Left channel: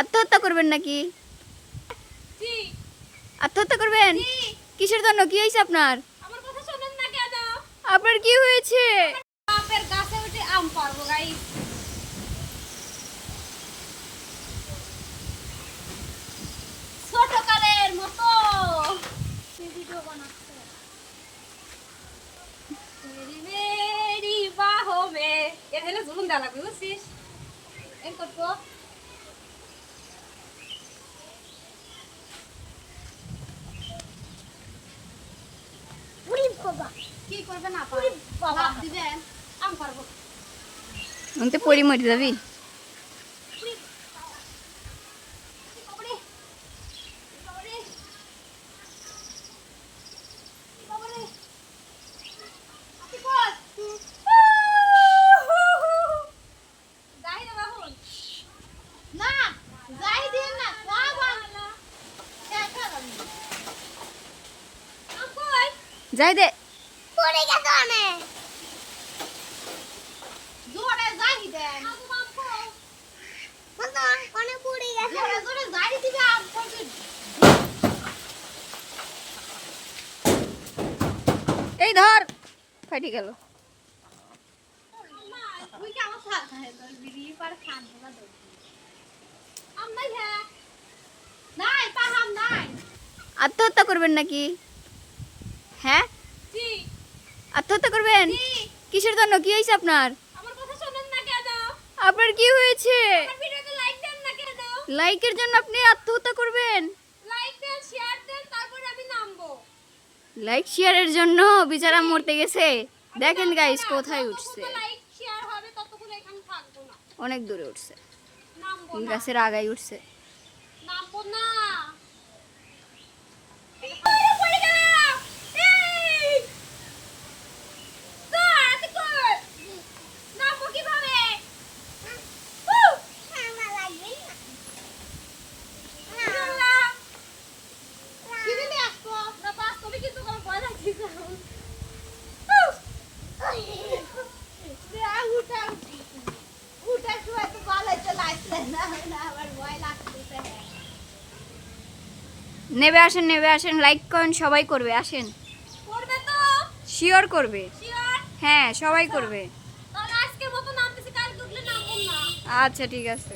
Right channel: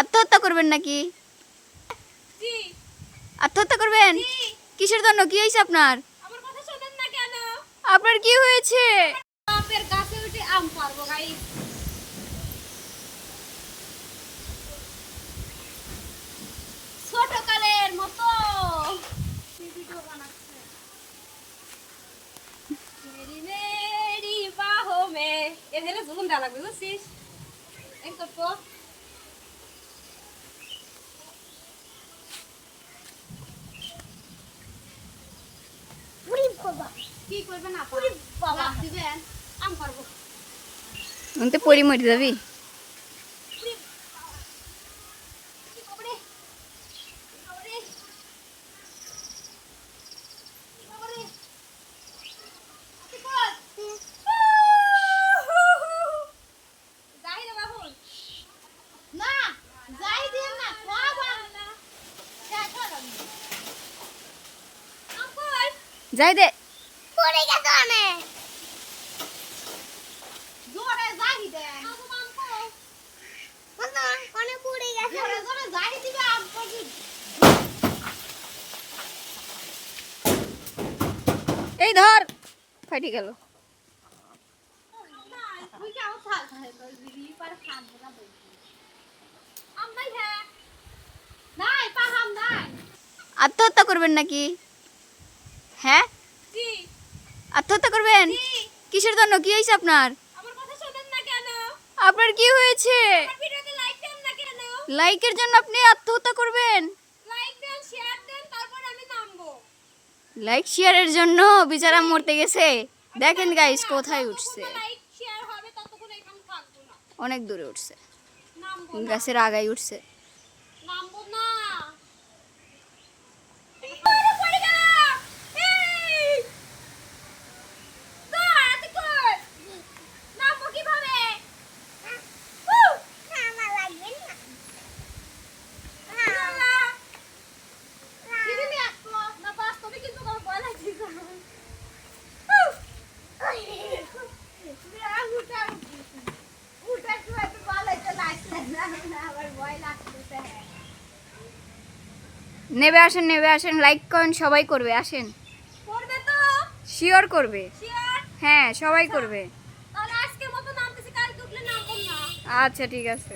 আত্মহত্যা করবেন নাকি? জি। আত্মহত্যা করবেন? জি। কিসের জন্য? কি হয়েছে আপনার? আমার কথা শোনেন না কেন? আপনার কি হয়েছে? বাপের গাছে উঠে আম পারবো গাইস। ছোটকালের মতো ভিডিও বানাচ্ছে। মেরি মেরি বাহো মে এখানে জুলুম দেওয়া লাগবে বুঝছিস? এই করবো কি করবেন আপা? বাবা দিবেন আম পারবো। আমি তো পরি মরে যাবি। যাই দে। এই ধর, ফাটি গেল। আত্মহত্যা করবেন নাকি? হ্যাঁ, জি। আত্মহত্যা করবেন? জি। কিসের জন্য? কি হয়েছে আপনার? আমার কথা শোনেন না কেন? আপনার কি হয়েছে? আমার ভিডিওতে লাইক দেন না কেন? লাইকের জন্য আপনি আত্মহত্যা করবেন? লাইক দেন, শেয়ার দেন, তারপর আমি নামবো। লাইক শেয়ারের জন্য বেচারা মরতে গেছে। দেখেন গাইস কোথায় উঠছে, লাইক শেয়ার হবে ততক্ষণ এখানে থাকবো না। অনেক দূরে উঠছে, নামবো না। গাছের আগায় উঠছে। নামবো না। পড়ে গেল। এই! তো এত কর। নামবো কিভাবে? আল্লাহ! কি দিলে আসতো? না বাস্তবে কিন্তু আমার ভয় লাগছে। নেবে আসেন, নেবে আসেন, লাইক করেন, সবাই করবে, আসেন। করবে তো? শিওর করবে। শিওর? হ্যাঁ, সবাই করবে। তাহলে আজকের মতো নামতেছি, কালকে উঠলে নামবো না। আচ্ছা ঠিক আছে।